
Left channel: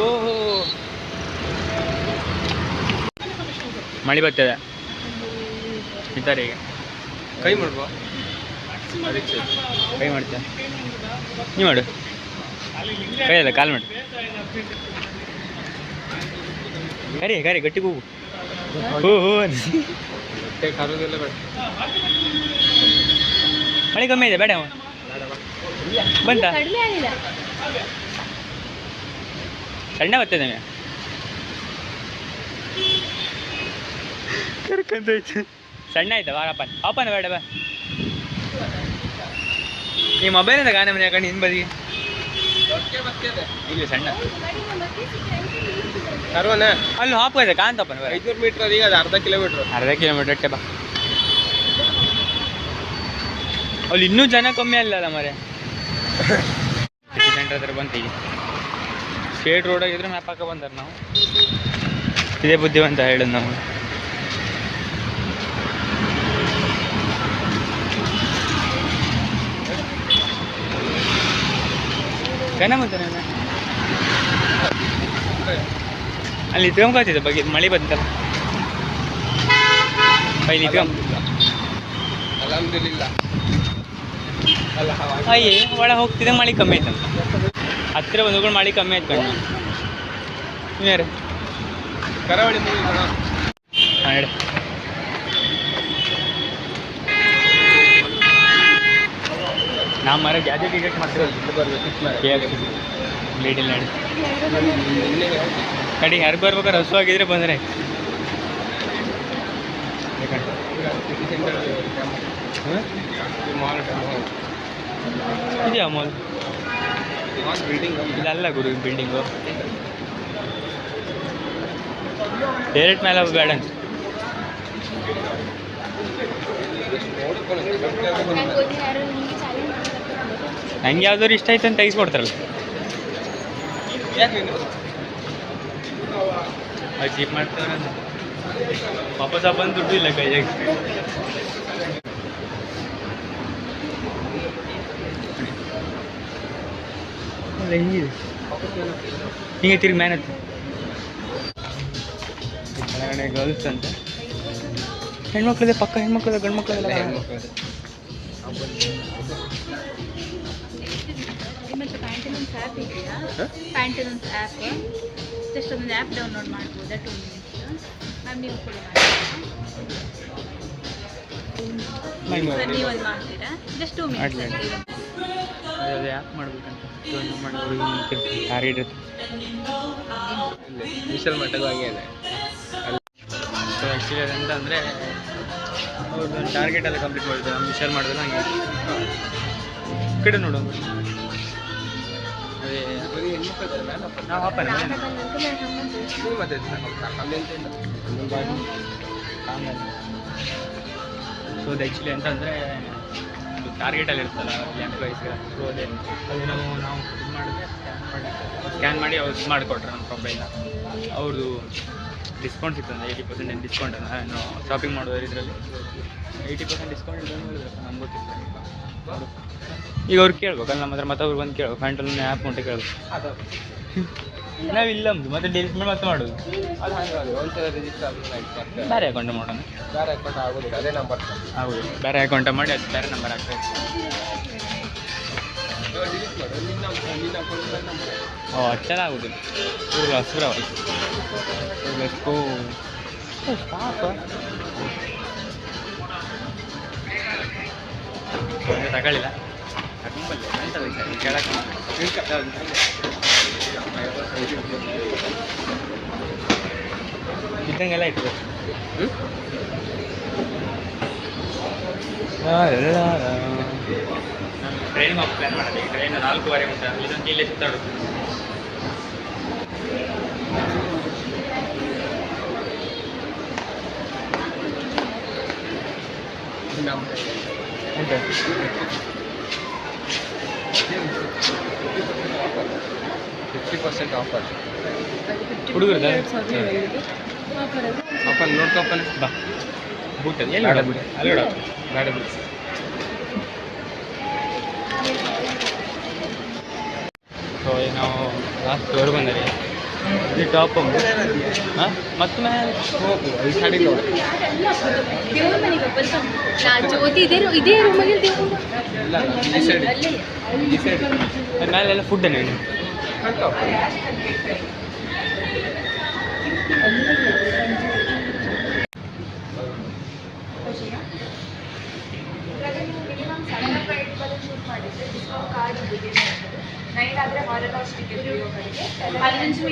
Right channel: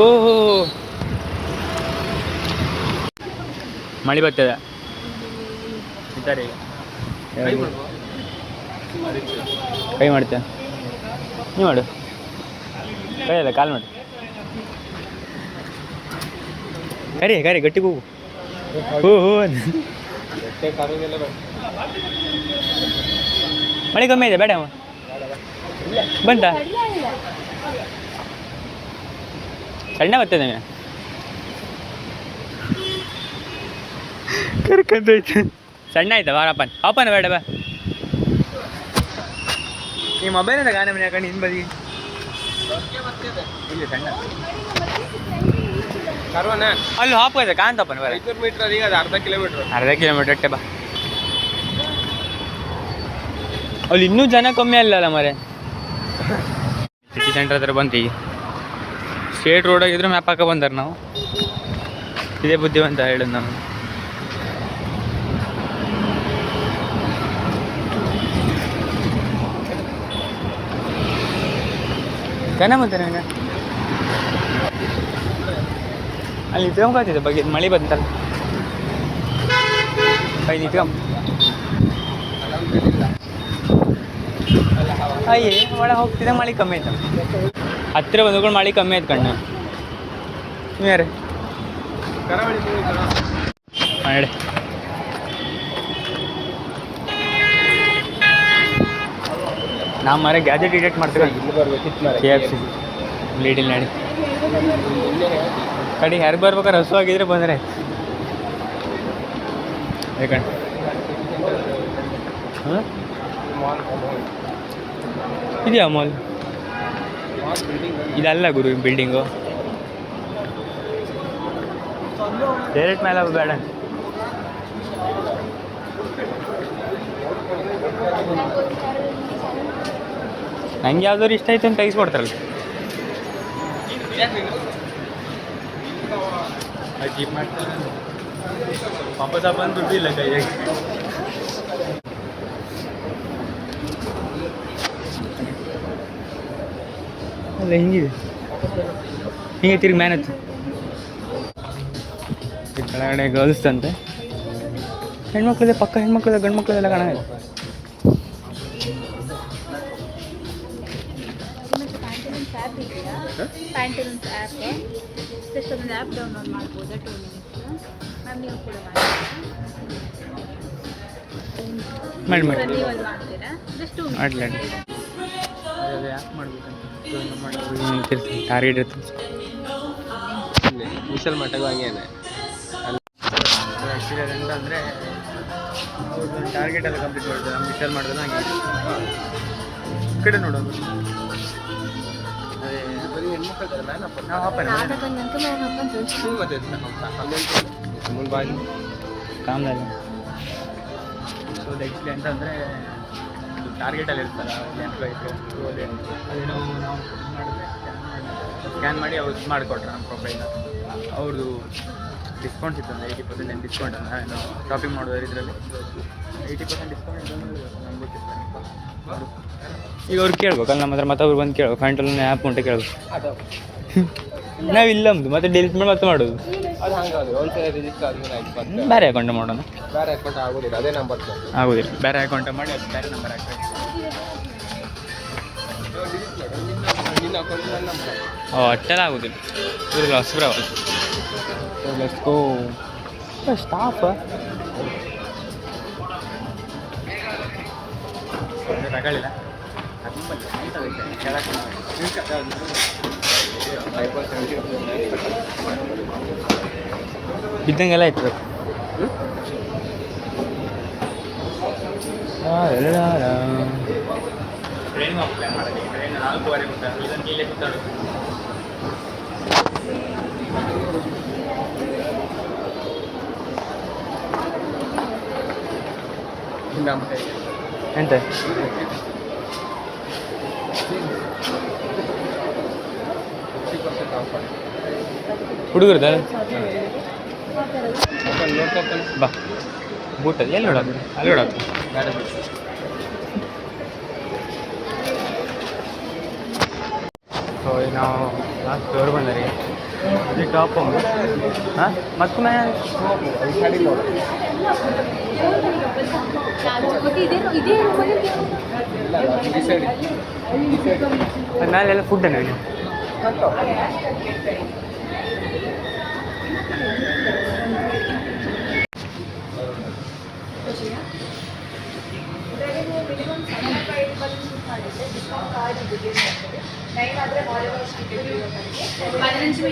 ಓಹೋ ಮಳೆ ಬರ್ತದೆ ಇದ್ದಾರೆ ಈಗ ಕೈ ಮಾಡ್ಬೋ ಕೈ ಮಾಡ್ತೆ ನೀ ಮಾಡು ಕೈ ಅಲ್ಲ ಕಾಲು ಮಾಡು ಕರಿ ಕರಿ ಗಟ್ಟಿ ಹೋಗು ಹೋ ಬಟ್ಟೆ ಕರೋದೆಲ್ಲ ಬೇಡ ಮಳೆ ಕಮ್ಮಿ ಇದೆ ಬೇಡ ಬಂತ ಸಣ್ಣ ಬರ್ತದೆ ಕರ್ಕೊಂಡೈತೆ ಸಣ್ಣ ಆಯ್ತಾ ಬಾರಪ್ಪನ್ ಅಪ್ಪನ ಬೇಡ ಬಾ ಈ ಮೊಬೈಲಿಂದ ಗಾನೆ ಮನೆ ಹಾಕೊಂಡು ಹಿಂದೆ ಬದಿ ಇಲ್ಲಿ ಸಣ್ಣ ಕರ್ವನ ಅಲ್ಲಿ ಹಾಕೋಯ್ತು ಕಾಂತಪ್ಪನ ಬೇರೆ 500 ಮೀಟರ್ ಈಗ ಅದು ಅರ್ಧ ಕಿಲೋಮೀಟರ್ ಅಟ್ಟೆ ಬಾ ಅಲ್ಲಿ ಇನ್ನೂ ಜನ ಕಮ್ಮಿ ಅಲ್ಲಲ್ಲ ಮರೆ ಸಿಟಿ ಸೆಂಟರ್ ಹತ್ರ ಬಂತು ಈಗ ಸ್ಟ್ರೇಟ್ ರೋಡಾಗಿದ್ರು ಮ್ಯಾಪ್ ಹಾಕ ಬಂದಾರೆ ನಾವು ಇದೇ ಬುದ್ಧಿವಂತ ಹೇಳೋದು ನಾವು ಕನ ಮತ್ತೆ ನಾನು ಅಲ್ಲಿ ನಿತ್ಕೊಂಬತ್ತಿದ್ದೆ ಬಗ್ಗೆ ಮಳೆ ಬಂತಲ್ಲ ಬೈ ನಿತ್ಕೊಂಬ ಅಯ್ಯೇ ಒಳಗೆ ಹೋಗ್ತಿದ್ದೆ ಮಳೆ ಕಮ್ಮಿ ಆಯ್ತು ಹತ್ತಿರ ಬಂದ್ಕೊಂಡು ಮಳೆ ಕಮ್ಮಿ ಆಯ್ತು ಕಣ್ಣು ಯಾರು ಕರಾವಳಿ ಮೂವಿ ಕಣ ಮಾಡಿ ನಾ ಮರ ಗ್ಯಾಜೆಟ್ ಡಿಟೆಕ್ಟ್ ಮಾಡ್ತೀವಿ ಇಲ್ಲಿ ಬರ್ಬೇಕಿತ್ತು ಕೆ ಎಫ್ ಸಿ ಲೀಡಿಲ್ ನಡಿ ಕಡೆ ಯಾರು ಬರ್ಬೇಕಾರೆ ಹಸುವಾಗಿದ್ರೆ ಬಂದರೆ ಯಾಕಂಡು ಹಾಂ ಇದೆಯಾ ಮಾಲ್ ಇದಲ್ಲ ಗುರು ಬಿಲ್ಡಿಂಗು ಡೈರೆಕ್ಟ್ ಮೇಲೆ ಬೇಡ ಅಂತ ನಂಗೆ ಯಾವ್ದಾದ್ರು ಇಷ್ಟ ಆಯ್ತು ಅಂತ ತೆಗಿಸ್ಕೊಡ್ತಾರಲ್ಲ ಅದು ಕೀಪ್ ಮಾಡ್ತಾರೆ ವಾಪಸ್ ಬಂದು ದುಡ್ಡು ಇಲ್ಲ ಕೈಯಾಗಿ. ಅಲ್ಲ ಹಿಂಗಿದೆ ಹಿಂಗೆ ತಿರುಗಿ ಮ್ಯಾನ್ ಹತ್ತಿ ಕೆಳಗಡೆ ಗರ್ಲ್ಸ್ ಅಂತೆ. ಹೆಣ್ಮಕ್ಳಿದೆ ಪಕ್ಕ, ಹೆಣ್ಮಕ್ಳಿದೆ ಗಂಡು ಮಕ್ಕಳೆಲ್ಲ ಕಾಣ. ಪ್ಯಾಂಟಲೂನ್ಸ್ ಆ್ಯಪ್ಗೆ ಜಸ್ಟ್ ಒಂದು ಆ್ಯಪ್ ಡೌನ್ಲೋಡ್ ಮಾಡ್ಬೋದಾ 2 ಮಿನಿಟ್ಸ್ ಮ್ಯಾಮ್ ನೀವು ಕೂಡ ಮಾಡಿ ಮಾಡಿ ನೀವು ಅದು ಮಾಡ್ತೀರಾ ಜಸ್ಟ್ 2 ಮಾಡಲಿ ಮಿನಿಟ್ಸ್. ಅದು ಯಾಕೆ ಮಾಡ್ಬೇಕಂತ ಮಾಡೋದು ಟಾರ್ಗೆಟ್ ಇತ್ತು. ವಿಶಾಲ್ ಮಟ್ಟದ ಹಂಗೆ ಇದೆ. ಆ್ಯಕ್ಚುಲಿ ಅದಂತ ಅಂದರೆ ಅವ್ರದ್ದು ಟಾರ್ಗೆಟ್ ಎಲ್ಲ ಕಂಪ್ಲೀಟ್ ಮಾಡಿದೆ. ನಮ್ಮ ವಿಶಾಲ್ ಮಾಡಿದ್ರೆ ಹಂಗೆ ಈ ಕಡೆ ನೋಡೋಣ. ಅದೇ ಬರೀ ಹೆಣ್ಮಕ್ಳು ಇದ್ದಾರೆ ಮ್ಯಾನ್ ಅಪ್ಪ. ನಾವು ಹಾಪನೆ ಮನೆ ಮತ್ತೆ ಕಾಮದಲ್ಲಿ. ಸೊ ಅದು ಆ್ಯಕ್ಚುಲಿ ಅಂತಂದರೆ ಒಂದು ಟಾರ್ಗೆಟಲ್ಲಿ ಇರ್ತಲ್ಲ ಅಲ್ಲಿ ಎಂಪ್ಲಾಯೀಸ್ಗೆ. ಸೊ ಅದೇ ಅದು ನಾವು ಇದು ಮಾಡಿದ್ರೆ ಸ್ಕ್ಯಾನ್ ಮಾಡಿ ಅವ್ರು ಇದು ಮಾಡಿಕೊಟ್ರೆ ನಮ್ಮ ಪ್ರೊಫೈಲ್ನ ಅವ್ರದ್ದು ಡಿಸ್ಕೌಂಟ್ ಸಿಗ್ತದೆ 80% ಏನು ಡಿಸ್ಕೌಂಟ್ ಅಂತ. ನಾನು ಶಾಪಿಂಗ್ ಮಾಡೋದ್ರ ಇದರಲ್ಲಿ 80% ಡಿಸ್ಕೌಂಟ್ ಇದೆ ಅಂತ ಹೇಳಿದ್ರು. ನಮ್ಗೆ ಗೊತ್ತಿಲ್ಲ ನೋಡು. ಈಗ ಅವ್ರು ಕೇಳ್ಬೇಕಲ್ಲ ನಮ್ಮ ಹತ್ರ, ಮತ್ತೆ ಅವ್ರು ಬಂದು ಕೇಳ್ಬೇಕು. ಫ್ಯಾಂಟಲ್ಲಿ ಆ್ಯಪ್ ಉಂಟು ಕೇಳ್ಬೇಕು. ನಾವಿಲ್ಲ ನಮ್ಮದು ಮತ್ತೆ ಡಿಲೀಟ್ ಮಾಡಿ ಮತ್ತೆ ಮಾಡೋದು. ಅದು ಹಂಗಾದ್ರೆ ಒಂದ್ಸಲ ರಿಜಿಸ್ಟರ್ ಆದ್ಮೇಲೆ ಬೇರೆ ಅಕೌಂಟ್ ಮಾಡೋಣ. ಬೇರೆ ಅಕೌಂಟ್ ಆಗೋದಿಲ್ಲ, ಅದೇ ನಂಬರ್ ಆಗೋದಿಲ್ಲ. ಬೇರೆ ಅಕೌಂಟ್ ಮಾಡಿ ಅದು ಬೇರೆ ನಂಬರ್ ಹಾಕ್ಬೇಕು. ಓ ಅಷ್ಟೆಲ್ಲ ಆಗೋದಿಲ್ಲ. ಇವ್ರಿಗೆ ಹೊಸಬ್ರವಲ್ಲ. Let's go stop. ತಗೊಳ್ಳಿಲ್ಲ ತಗೊಂಬಲ್ಲ ಅಂತ ಕೇಳಕ್ಕೆ ಇದ್ದಂಗೆಲ್ಲ ಇತ್ತು. ಟ್ರೈನಿಂಗ್ ಆಫ್ ಪ್ಲ್ಯಾನ್ ಮಾಡೋದು. ಈಗ ಟ್ರೈನ್ 4:15 ಉಂಟು. ಇದೊಂದು ಇಲ್ಲೇ ಸುತ್ತಾಡೋದು. ಎಂತ 50% ಆಫರ್. ಹುಡುಗರದ ಓಪನ್ ನೋಡ್ಕೊಪ್ಪನ ಬಾ ಬೂಟಲ್ಲಿ ಎಲ್ಲಿ ನೋಡೋದು? ಅಲ್ಲಿ ನೋಡೋದು ಗಾಡಿ ಸೊ ಈಗ ನಾವು ಲಾಸ್ಟ್ ಡೋರ್ ಬಂದರೆ ಇದು ಟಾಪ್ ಹಾಂ ಮತ್ತೆ ಈ ಕಡೆ ನೋಡು. ಇದೇ ರೂಮಲ್ಲಿ ಇಲ್ಲ ಈ ಸೈಡ್ ಈ ಸೈಡ್ ಮೇಲೆಲ್ಲ ಫುಡ್ ನೀನು ಮಿನಿಮಮ್ 75 ಮಾಡಿದ್ರೆ ಡಿಸ್ಕೌಂಟ್ ಕಾರ್ಡ್ ಇದೆ. 9 ಆದರೆ ಹಾಲಿನ ಟಿಕೆಟ್ ಇರೋವರೆಗೆ 15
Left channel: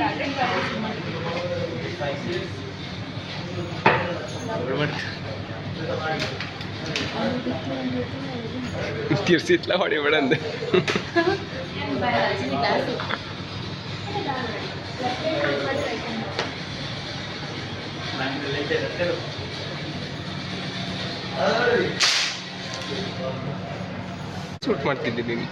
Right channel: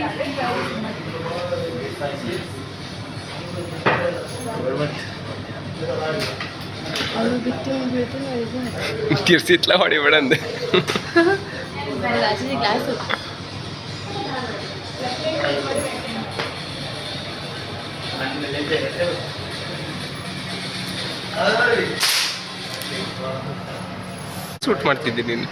ತಿರ್ಸಿತ್ಲ ಹೊಡಿಬೇಡ ಅಂದೆ. ಗ್ಲಾಸು ಶೂಟ್ ಮಾಡ್ತಿದ್ದೆ ನೀನು.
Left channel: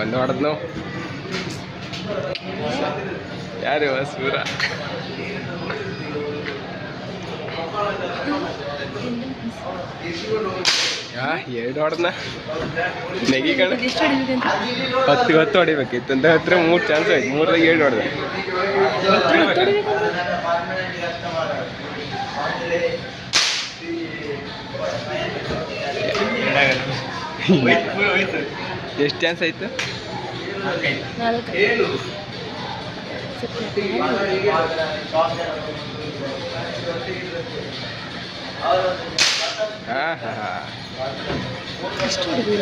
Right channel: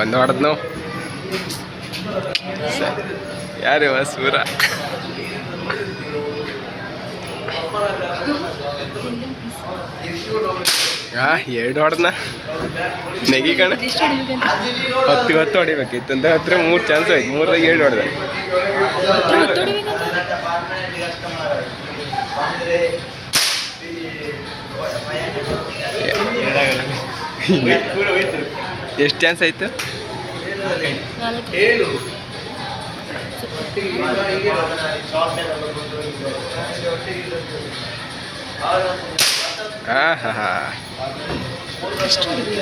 ಒಂದು ಹೊಡೆದ್ ನಾವು ಯಾರು ಸೂರ ಎರಡು ಹೊಡೆದ್ನ ನೆಗಿ ಕಣ 10 ಹೊಡಿಬೇಕಿತ್ತು ಅಂತ ಹತ್ರ 3 ಚಾನ್ಸ್ ಆಯ್ತು. 3ರಾಗ 7 ಹೊಡೆದ. ಎಷ್ಟು ಚಾನ್ಸ್ ಆಯ್ತು?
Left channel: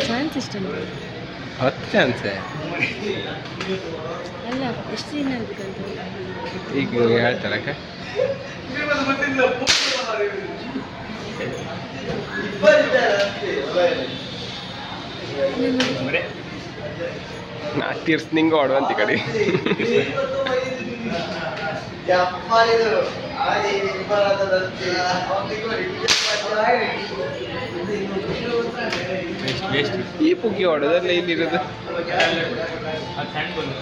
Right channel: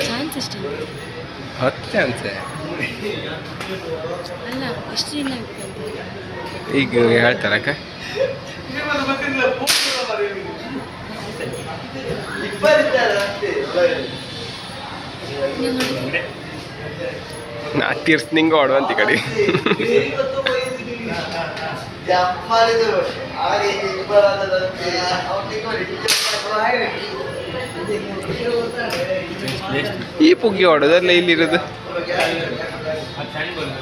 ಚಾನ್ಸ್ ಇಷ್ಟ 10 ಚಾನ್ಸ್ ಅಲ್ಲ ಎಷ್ಟು ದಿನ ಈಗ ಹೇಳ್ತಾರಕ್ಕ. ನಾ ತೀರ್ಸ್ ನಿಂಗೆ ಹೊಡುವಂತ ಈ ಕಡೆ. ವೇಸ್ಟ್ ಈ ಪುಗ್ಗಿ ಹೊಡೋದಲ್ಲ ಇಲ್ಲಿರೋದು. ಅದು ಸಣ್ಣ ಬಂದು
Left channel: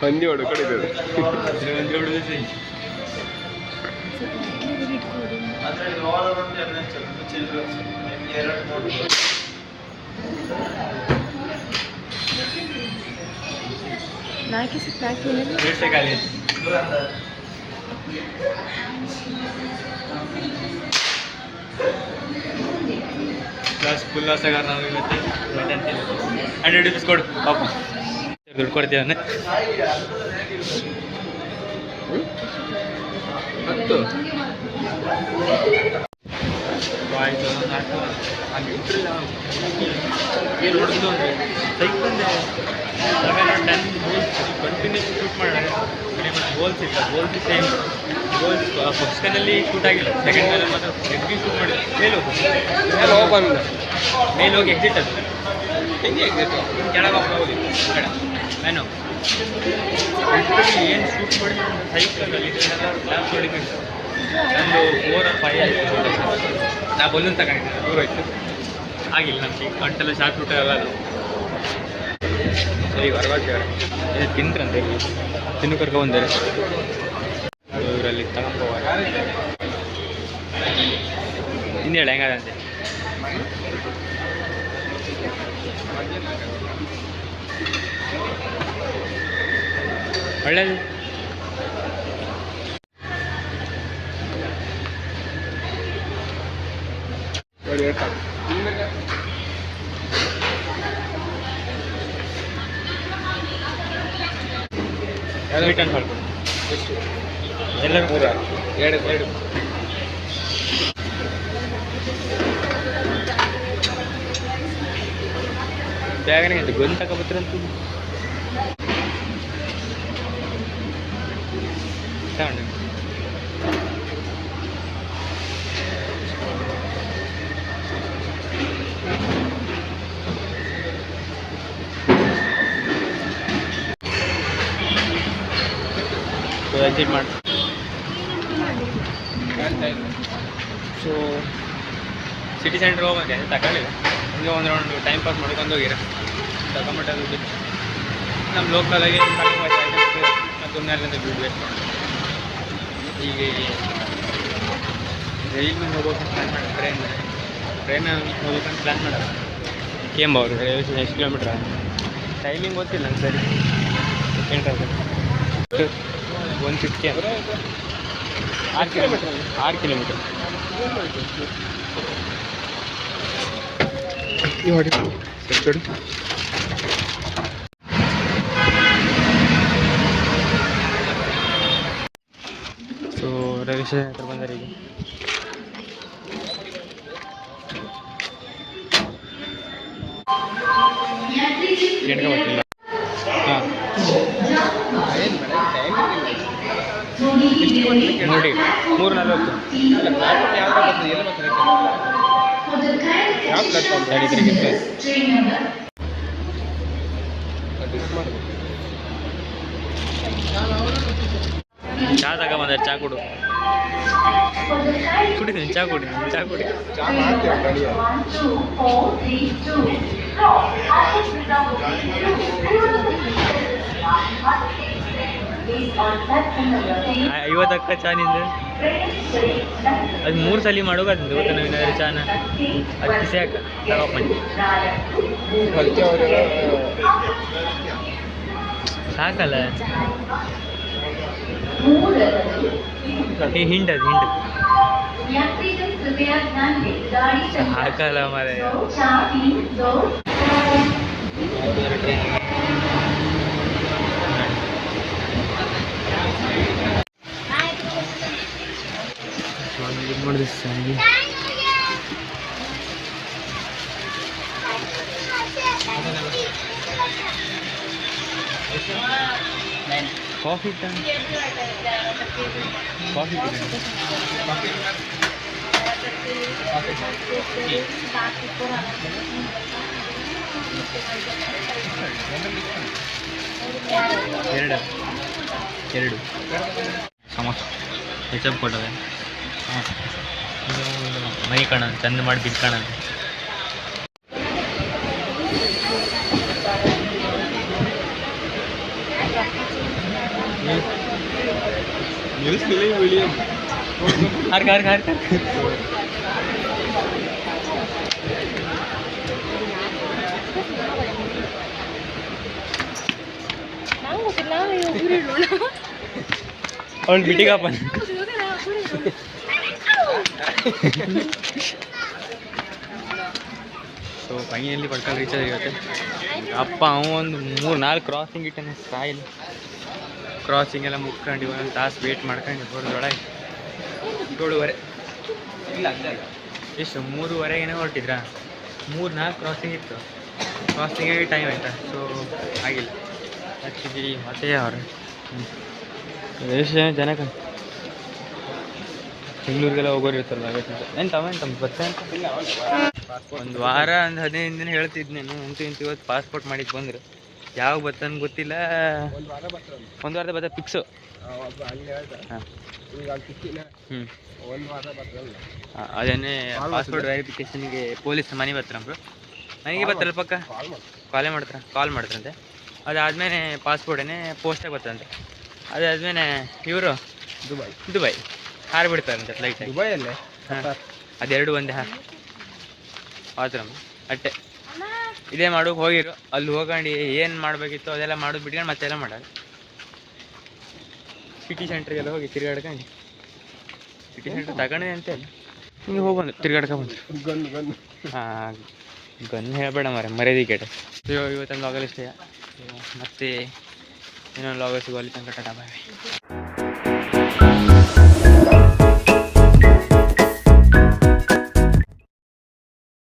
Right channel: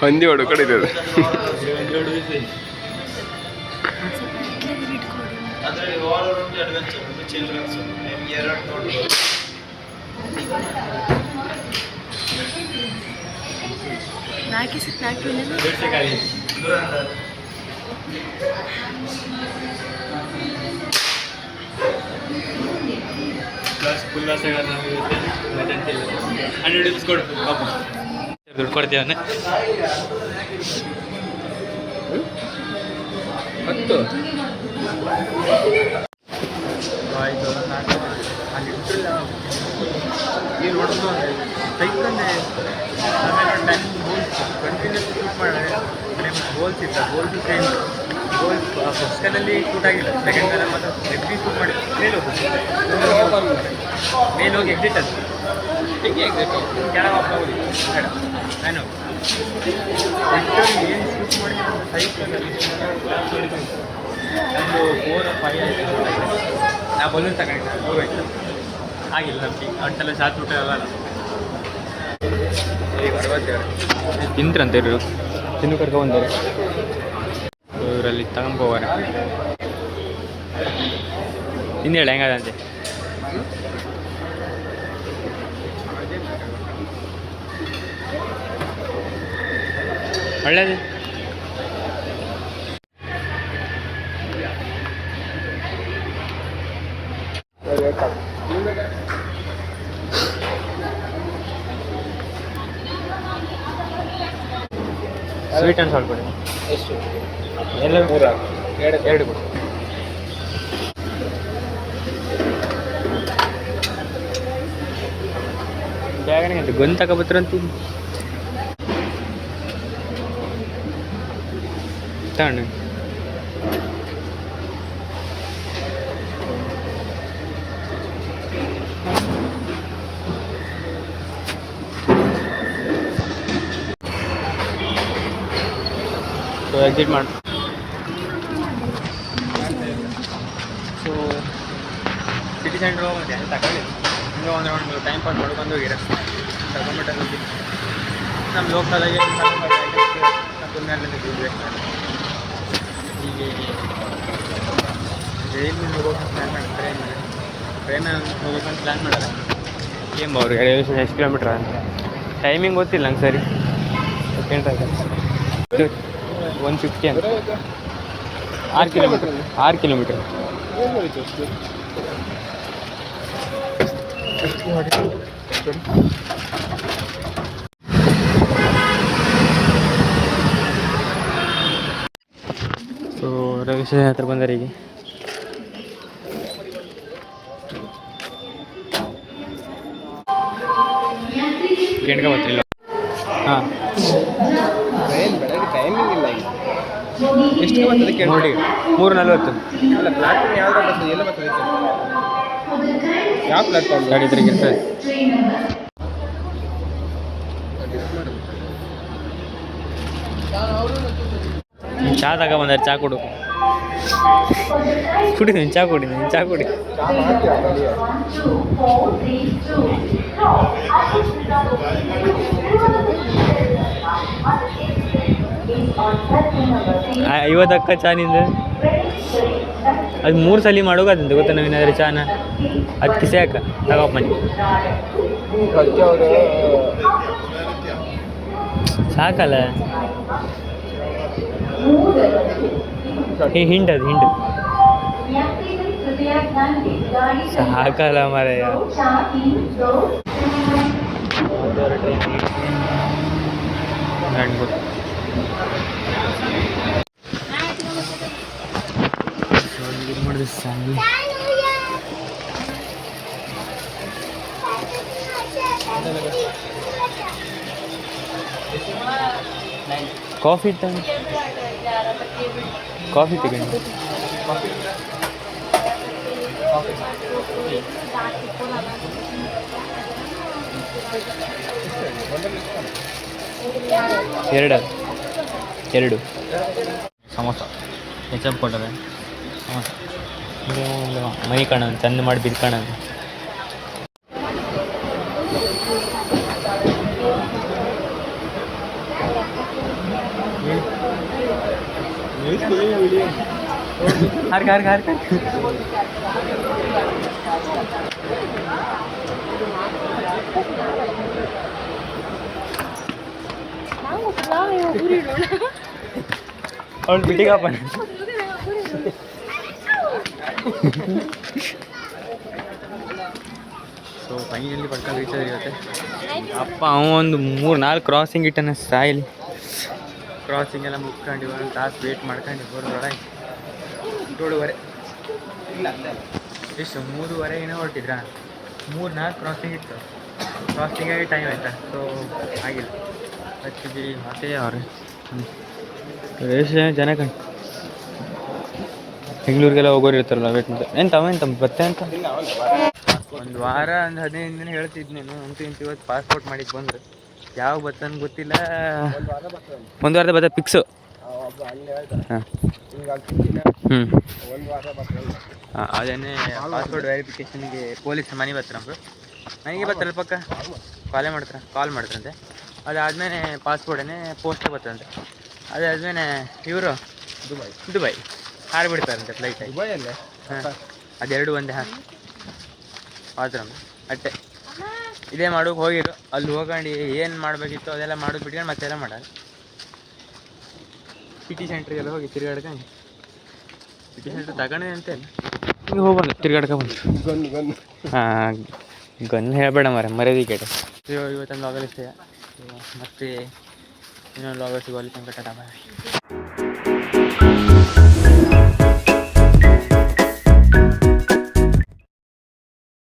ಹಂದಿ ಹೊಡು ಕಡೆ ಇರೋದು. ಫುಲ್ ನಾಸಗಾರ ನಾವು ಇವತ್ತು ಮೈದಾನ 100 ರೂಪೀಸ್ ಕೊಡು ಪಾಪ ದುಡ್ಡು ಕೊಡ್ತೀವನ್ನೇ. ಹತ್ತು ಆಯಿತು ನಾಟಕ ಅಲ್ಲಿ ಇಂಟ್ರಲ್ಲ ಏನು ಹೊಡೆದು ಅಂದರೆ ಸೈಕಂದೆ ಆಮೇಲೆ 10 ಗೋಲ್ಸ್ ಕಂಟಿನ್ಯೂಸ್ ಶೂಟ್ ಮಾಡಿದ್ರೆ ಮತ್ತು ಗೋಲ್ಸ್ ಇತ್ತು ಗೋಲ್ಸು ಸೇಮ್ ಗೋಲ್ಸ್ ಫಸ್ಟ್ ಗನ್ನಲ್ಲಿ ಶೂಟ್ ಆಗಿಲ್ಲ, ಸೆಕೆಂಡ್ ಗನ್ನಲ್ಲಿ ಮಾತ್ರ ಎಗ್ರಿ ಶೂಟ್ ಮಾಡಿಲ್ಲ. ಮೇಲೆ ಹೋಗಿ ಎಕ್ಸಿಟ್ ಅದು ಹೇಗೆ ಎಕ್ಸಿಟ್ ಕೆಳಗೆ ಹೋಗಿ ಬೇಡ ಮ್ಯಾನು ಲಿಟ್ರಲಿ ಏನು ಶೂಟ್ ಮಾಡಿದ್ರೆ ಅಂತ ಸೈಕಲಲ್ಲಿ ಇದನ್ನೆಲ್ಲ ಲ್ಯಾಬ್ ಹೊಡಿಕೆ ನಂದು 4 or 5 ಆಯಿತು ಶೂಟ್ ಆಯಿತು. ನಾ ಬಲೂನ್ ತಗೊಂಡಿದ್ದೆ ದೂರ ಆಯಿತು ಆಗಿಲ್ಲ ನಮಗೆ ಅಂಟೆಲ್ಲ ಶಾರ್ಟ್ ಶೂಟ್ ಆಗಲ್ಲ. ಈಗ ಅರವತ್ತೇವ್ರೆ ತಿಂತ್ರಂತೆ ಇವರು ತಿನ್ನು ಕರ್ಕೊಂಬಂದಾರೆ ಇವರಲ್ಲಿ ತಗೊಂಬೋವಾರೆ. ಹಿಂದೆ ಹೇಳಿ ಹೆಂಗದಂತೆ ಒಳ್ಳೇದು. ಸ್ವೀಟ್ ಆ್ಯಂಡ್ ಸಾಲ್ಟ್ ಕೊಡಿ. ಎಷ್ಟು? ಎಲ್ಲರೂ 3 2 ಬೇಗನೆ ಅಂತ ಗೊಂದು ತಗೊಬತ್ರಂತೂ ತಗೊಂಡು ಸೊ ಎಕ್ಸಿಟ್ ಮಾಡಿ. ಸೊ ಸಿಟಿ ಸೆಂಟ್ರ್ ಹೋಗಿ ತಗೊಳ್ಳಿಲ್ಲ, ಹಿಂಗೆ ಒಂದು ರೌಂಡ್ ಟೈಮ್ ಪಾಸ್ ಮಾಡ್ಕೊಂಡು ಹೋಗಿರ ತಗೊಂಬಿಟ್ಟು ದುಡ್ಡು ನಮ್ಮ ಲೋಕಲಾಗೆ ನಾನು ಸುಮ್ಮನೆ ಅಲ್ಲಿಂದ ದುಡ್ಡು ವೇಸ್ಟ್ ಮಾಡೋದು. ಈಗ ರೈಲ್ ಮೇಲೆ ಹೋಗ್ಬೇಕಂತ ಪ್ಲ್ಯಾನ್ ಮಾಡಿ ಟ್ರೈನ್ ಹೋಗ್ಬೇಕಂತ ಪ್ಲ್ಯಾನ್ ಮಾಡೋದು. ಏನು ಅವ್ರು ಎಷ್ಟು ಕಿಲೋಮೀಟ್ರ್ ಅಂತ ಟೈಮಿಂಗ್ ಗೊತ್ತಿಲ್ಲ ನಂಗೆ ಸರಿ. ಸೆಕೆಂಡ್ ಆಯ್ತು 160 ಅಂತ 6 ಕಿಲೋಮೀಟ್ರ್ ಸೊ ರವಿಶ್ವರ ಹತ್ರ ಬಂದರೆ ಈಗ ಕೆಂಡ್ಗೆ ಗೊತ್ತಿಲ್ಲ. ಹಾಂ ಟೈಮಿಂಗ್ ಇಲ್ಲ ಈಗ. ನೋಡಿ 3:40 ಯಾವ ಪ್ಲಾಟ್ಫಾರ್ಮ್ ಗಾಡಿ ತಿರುಗಿರ್ತದೆ. ಚಾ ತಗೊಂಬಂದ್ರೆ ಚಾ ಕೊಡು ಕುಡಿತೀನಿ ಚಾ ಕುಡಿತೀನಿ ಚಾ ಕುಡಿ. ಚಾ ಮಾಡ್ತೀವಿ ಕಡಿಯ ಐವತ್ತಕ್ಕ ಚಾ ನಿಂದು ಅದು 3 ಸಲ ಮಾಡೋಗಂತ ಗೊತ್ತಾ ನಾವೇನಾದ್ರೂ ಚಾನ ಅದು ಕಿಸೆ ಹಾಕ ತಗೋಪ್ಪ ಮನೆ ಅದಕ್ಕೆ ಅವರು ಸಾಕಲ್ಲ. ಹಿಂಡು ಅದು ಹಿಂಡು ಸಾಕಲ್ಲ ಮಾರಾಯ. ಟ್ರೈನ್ ಮಾಡಿದೆ ಸಾಗಿ ಕಾಫಿ ತಗೊಂಡು ಕಾಫಿ ತಗೊಂಡು ಎರಡು ಸಮೋಸ ಹೆಚ್ಚಪ್ ಕೊಟ್ಟದೆ ಸಮೋಸ ಇದು ಒಂದು ಮೈ ಕಾಣ ಚಂದ ಮಾಡಿ ಬಿಲ್ ಕಾಣ harga ಅವಳು ಬಿಟ್ಟಿಗಪ್ಪ ಸೊ ಫೈನಲಿ ಪಡ್ಕೊಂಡು ರೀಚ್ ಆಗುತ್ತೆ ಅಪ್ಪ ಅವೊಂದು 3-4 ಕ್ರಾಸಿಂಗ್ ಇಟ್ಟನೆ ಸ್ಟೈಲ್ ಕ್ರಾಸಿಂಗ್ ಎಲ್ಲ ಮುಗ್ಕೊಂಡು ಒಂದು ತಾಸು ವೇಟ್ ಮಾಡ್ಕೊಂಡು ಬರೋದ್ರೊಳಗೆ 7:30 ಇಲ್ಲ ಎಷ್ಟು 3:30 ಏನೋ ಹೊರಟಿದ್ರಾ 3-4 ಕ್ರಾಸಿಂಗ್ ಇತ್ತು ಕ್ರಾಸಿಂಗಾಗಿ ಟೈಮ್ ಆಯ್ತಾ ಸೊ ಆಗಿಲ್ಲ ಆ್ಯಕ್ಚುಲಿ ಮತ್ತೆ ಅವ್ರು ಎಷ್ಟು ಜನ ಬೆಂಗಳೂರಿಗೆಲ್ಲ ಹೋಗೋರು ಇರ್ತಾರಲ್ಲ ಎಂತ ಬತ್ತೆ ಅಂತ ಒಂದು ವಾರ ಒಂದು 15 ದಿನ ಹೇಳ್ತಿದ್ನೇನು ಅಂತೂ ಇವತ್ತು ಪಾಸ್ಪೋರ್ಟ್ ಮಾಡಿದ್ದು ಬಂದರು ಯಾವಾಗ ಬರ್ತಂದು ಗೊತ್ತಿಲ್ಲ ಒಂದು ವಾರದ ಬತ್ತ ಫಿಕ್ಸು ಅದೇನೇ ಪಾಸ್ಪೋರ್ಟ್ ವೆರಿಫಿಕೇಷನ್ಗೆ ಪೊಲೀಸ್ ಮನೆ ಬರ್ತಾರಂಬ್ರು ಮನೆಗೆ ಬರ್ತಾರಲ್ಲ ಪಕ್ಕ ಕಾಲ್ ಮಾಡ್ತಾರಂತೆ ಅದಾದಮೇಲೆ ಪಾಸ್ಪೋರ್ಟೇನೆ ಪೋಸ್ಟಾಗಿ ಬರ್ತಾರಂತೆ ಅದಾದಮೇಲೆ ಇವರು ದುಬೈ ಹಾರಿಬಿಡ್ತಾರಂತೆ ಫ್ಲೈಟಾಗಿ ಹಾಂ ಅದೆರಡು ಒಂದೇ ಆತರ ಅಟ್ಟೆ ಇದೇ ಮಾಡೋಕೆ ಹೋಗಿರು ಅಲ್ಲಿ ಹೋಗಂಡು ಏನು ಮಾಡಬೇಕಿತ್ತು ಅದೆಲ್ಲ ಮಾಡೋದು ಬಿಟ್ಕೊಂಡು ಮತ್ತೆಲ್ಲ ಮಾಡೋದು ಸಿಟಿ ಸೆಂಟ್ರಿಗೆಲ್ಲ ಹೋಗಿ ತಿರ್ಗಾಡ್ಕೊಂಡು ಸಿಟಿ ಸೆಂಟ್ರ್ ತಗೊಂಡೆ ಅಂತ ಅಲ್ಲ ನೀವು ಹೋಗ್ಬಂದು ತಿರ್ಗಾಡ್ಕೊಂಡು ಹಾಂ ಗನ್ ಹೇಳಬೇಡ ಮರ್ಯಾದೆ ಕೇಟ ಇವತ್ತೊಂದು ಲಾಗಲ್ ಇಷ್ಟೇ ಮತ್ತೆ ಇನ್ನೊಂದು ಲಾಗಲ್ ಸಿಗೋಲ್ಲಿ ತನಕ ಟಾಟಾ ಬಾಯ್.